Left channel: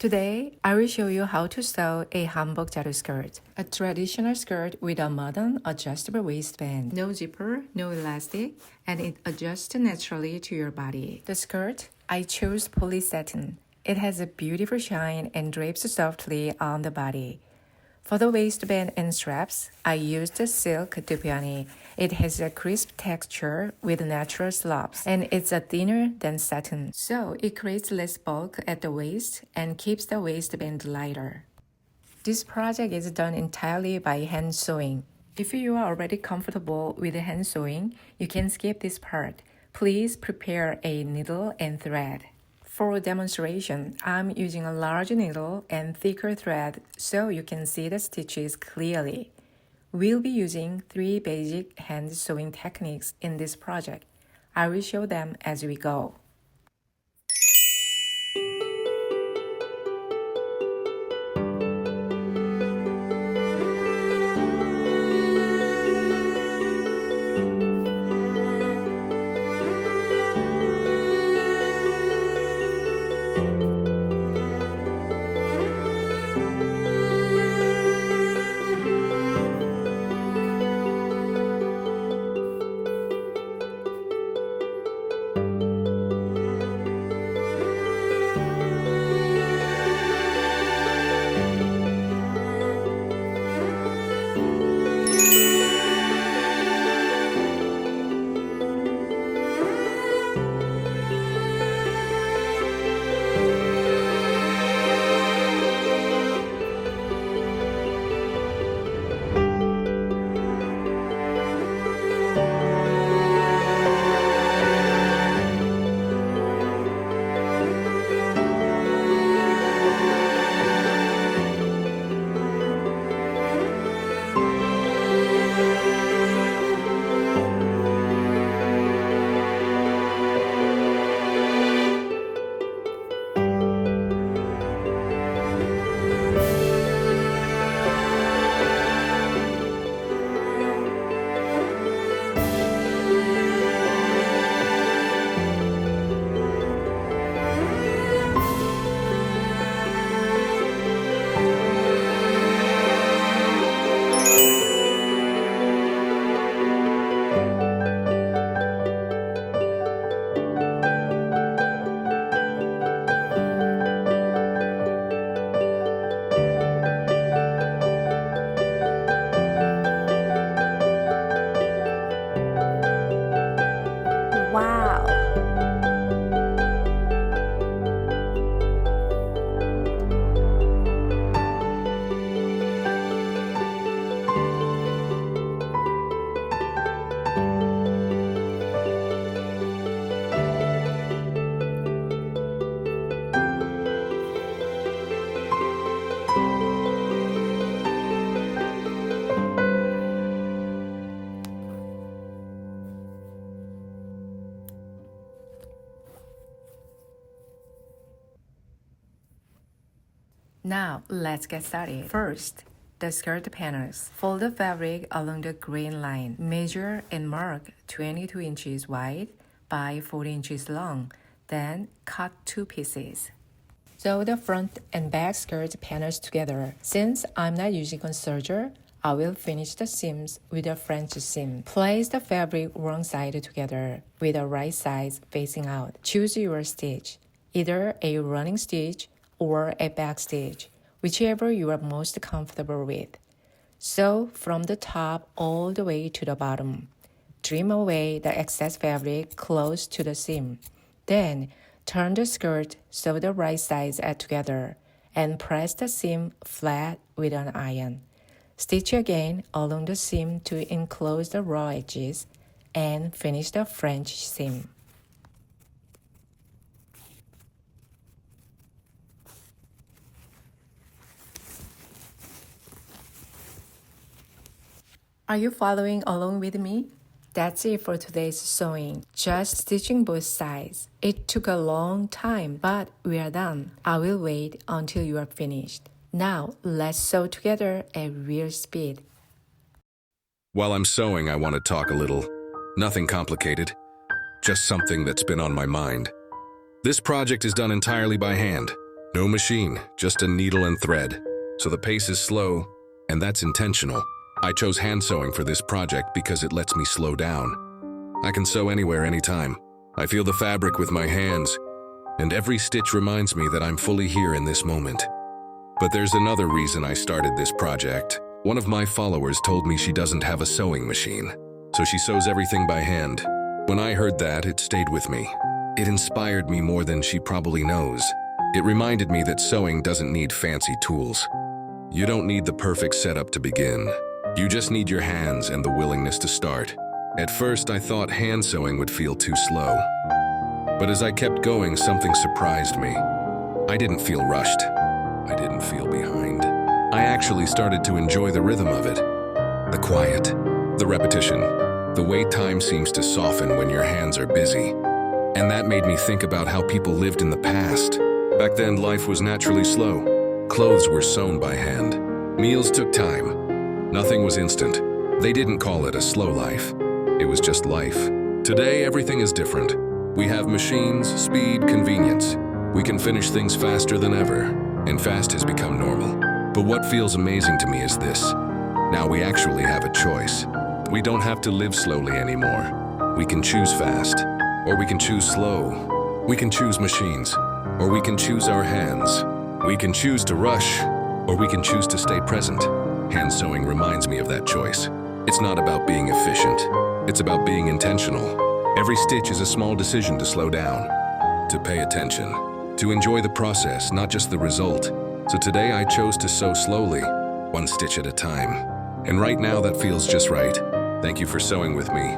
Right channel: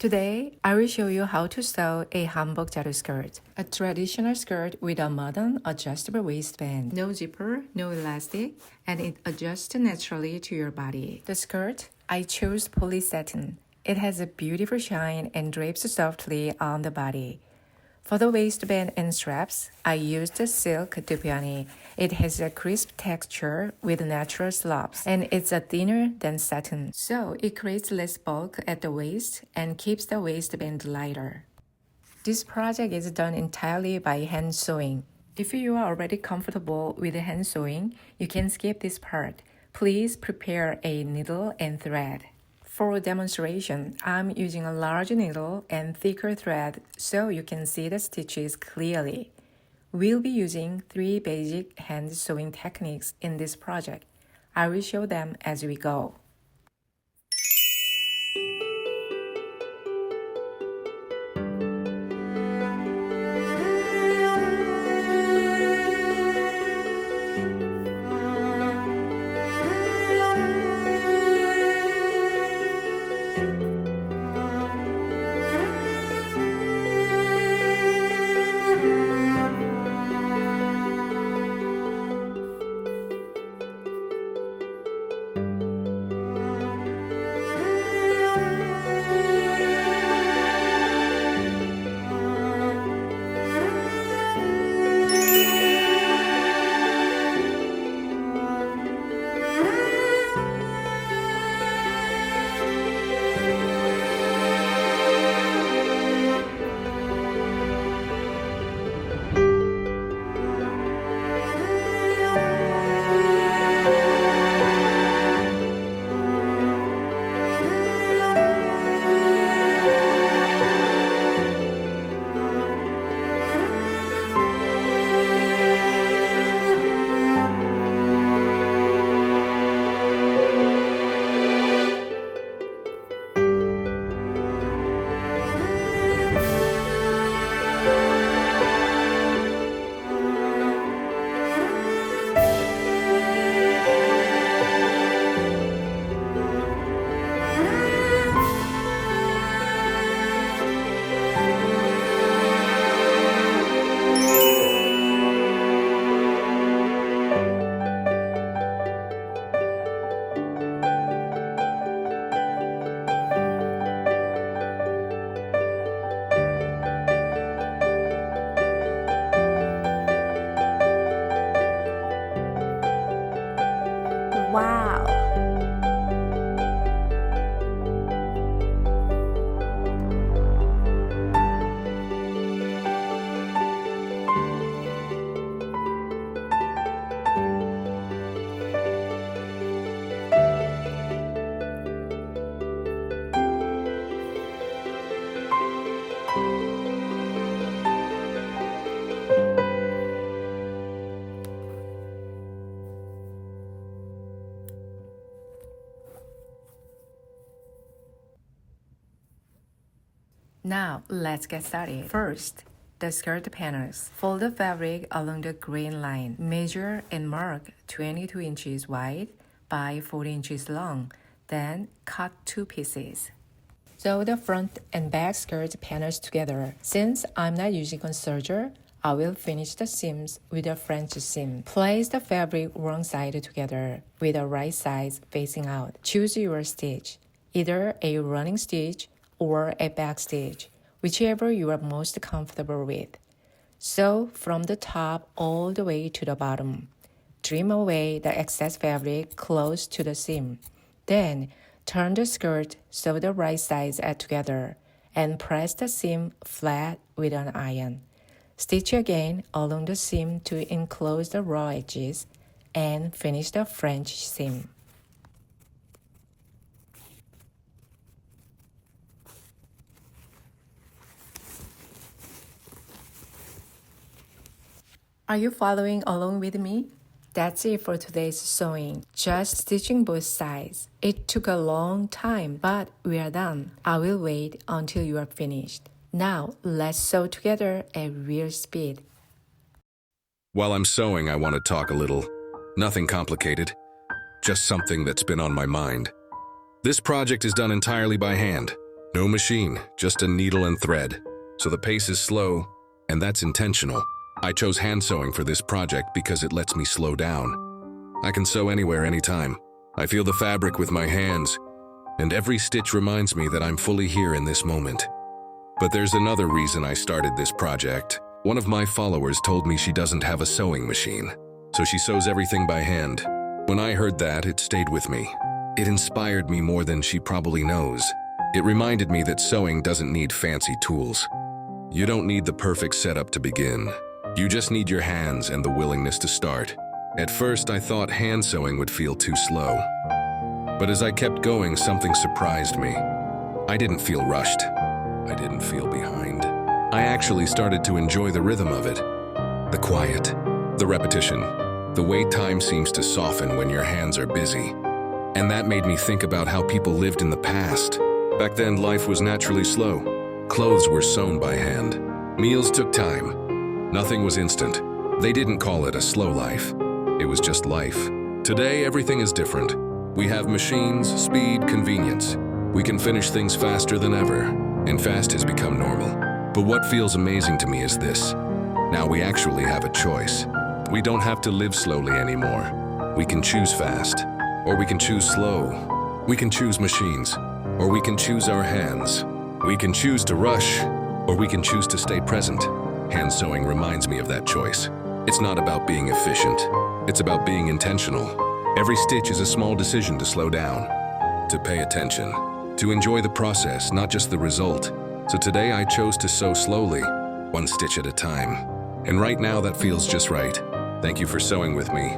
Today, I will show you how to sew a Hanbok Jalu skirt, a traditional skirt with a modern adjustable waistband. No zipper, no elastic, and it adjusts naturally to your body. The skirt, I chose poly satin. It has a beautiful shine and drapes softly on the body. For the waistband and straps, I used silk dupioni. It has a crisp texture with natural slopes, and it's a thinner than satin, so it creates less bulk at the waist and keeps the waistband lighter. This project is done entirely by hand sewing. If you are already comfortable with hand sewing, you can skip this part. Please prepare a needle and thread. For demonstration, I'm using a large needle and thicker thread so you can see the stitches clearly. We'll be using 3 basic hand sewing techniques in this project. I will show them as we go. Wow! Now, let's get started. First, the skirt panels. Fold the fabric along the grain line. Measure and mark 22 inches wide by 40 inches long. Then, cut 2 pieces. Sew the front and back skirt panels together. Since I'm not using a serger, I will finish the seams with a French seam. Place the fabric wrong side together with the right side facing out. Choose your stitch, either a running stitch or a back stitch, whichever you are most comfortable with. Sew from the top all the way to the bottom. Trim away the excess fabric close to the seam. Then, turn the skirt sew the right sides together and press the seam flat with an iron. Stitch again along the seam to enclose the raw edges and finish the French seam. Are you following along with me? That's it for today's sewing. Just stitching both sides. It took a long time, but we are done. I will wait until you are finished. Now, let's sew together at real speed. While I'm sewing, I want to talk a little. Nothing complicated, just something that's been on my mind. This project is done entirely by hand. No machine, just a needle and thread. So the pace is slow, and that's intentional. I chose hand sewing for this project because it lets me slow down. I can sew anywhere, anytime. I feel the fabric with my hands, and every stitch reminds me that I'm fully here in this moment. But there's another reason I started this project. One of my followers told me she doesn't have a sewing machine, so she sews everything by hand. When I heard that, it stayed with me. It inspired me more than she probably knows. It reminded me that sewing doesn't need fancy tools. You don't need the perfect setup to begin. You just need your hands and the willingness to start. At first, I thought hand sewing would feel too slow. But as I kept going, something surprised me. I didn't feel rushed. I didn't feel behind. I actually started to enjoy the rhythm of it. The quiet, the repetition, the way time seems to soften when your hands are busy. And that made me think about how people lived in the past. Back then, life was naturally slow. Clothes were sewn by hand. Meals took time. Nothing was instant. They didn't call it a slow life. It was just life. Today, everything is different. We have machines, speed, convenience. We can finish things faster than ever, and fast has become normal. But what feels amazing to me is this. Now we actually have a choice. We don't have to live slowly anymore. We can choose fast, or we can choose slow. We can choose machines, or we can choose our hands. We can choose to rush, or we can choose to stay present. Hand sewing reminds me of that choice. It's not about being efficient. It's about being intentional. Every stitch is a small decision to slow down, to pay attention, to enjoy the process, not just the result. So today I chose to sew slowly, one stitch at a time. And right now that feels just right. Thank you for sewing with me.